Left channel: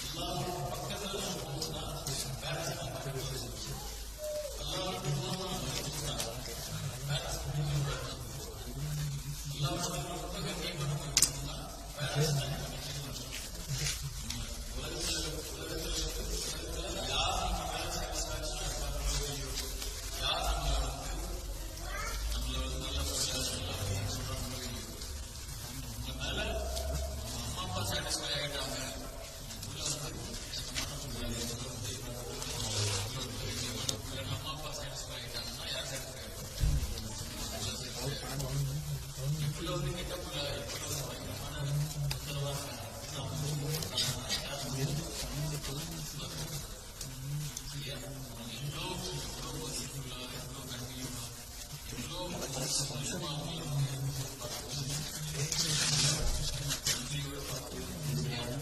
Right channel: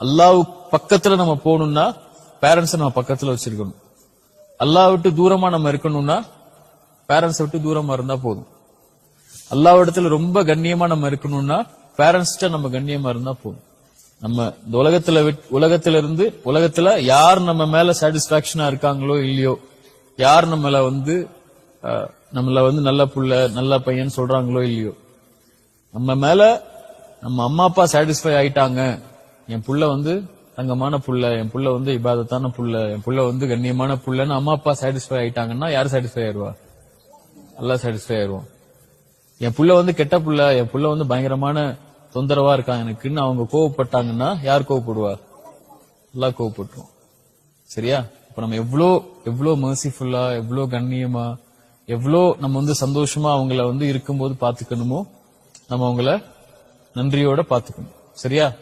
அல்லாஹ் பக்கத்துல நம்ம போகணும்னா பேரண்ட்ஸை நம்ம பக்கத்துல வச்சிருக்கணும். அல்லாஹ் விட்டு தூரமா நம்ம இருக்கணும்னா பேரண்ட்ஸை விட்டு தூரமா இருந்தா போதும். அல்லாஹ் இடத்துல ரொம்ப கண்ணியமா நம்ம இருக்கணும்னா பேரண்ட்ஸ்ட நம்ம கண்ணியமா இருந்தா போதும். நம்ம இந்த உலகத்துல விட்- உலகத்துல இருந்து உலகத்துல யார் நம்ம மேல சாட்டிஸ்பாக்சனா இருக்காங்களோ இல்லையோ யார் நம்மள வந்து நம்மள வந்து நல்ல புள்ள நல்ல பையன் சொல்றாங்களோ இல்லையோ நம்ம மேல நம்ம அம்மா அப்பா சாட்டிஸ்ஃபை ஆயிட்டாங்க என் புள்ள வந்து தங்கமான புள்ள என் புள்ள வந்து இபாதத்தான புள்ள என் புள்ள வந்து கண்ணியமான புள்ளன்னு அம்மா அப்பா சாட்டிஸ்ஃபை ஆயிட்டாங்கன்னா யார் சாட்டிஸ்ஃபை ஆயிடுவா? நல்லா சாட்டிஸ்ஃபை ஆயிடுவோம். என் புள்ள வந்து கெட்ட புள்ள என் புள்ள வந்து பயங்கரமான தொந்தரவா இருக்கான். எனக்குன்னு அவங்க கோவப்பட்டாங்கன்னா யார் கோவப்படுவா? எல்லாம் கோவப்பட்டுரும் சரியா? இப்போ நம்ம எவ்வளோ எவ்வளோ மர்சிஃபுல்லா எவ்வளோ கண்ணியமா எவ்வளோ நம்ம வந்து சந்தோஷமா அவங்கள வந்து இருக்கும்போது பார்த்துக்கணுமோ நம்ம அவங்கள நன்றியோட பார்த்துக்கணும். சரியா?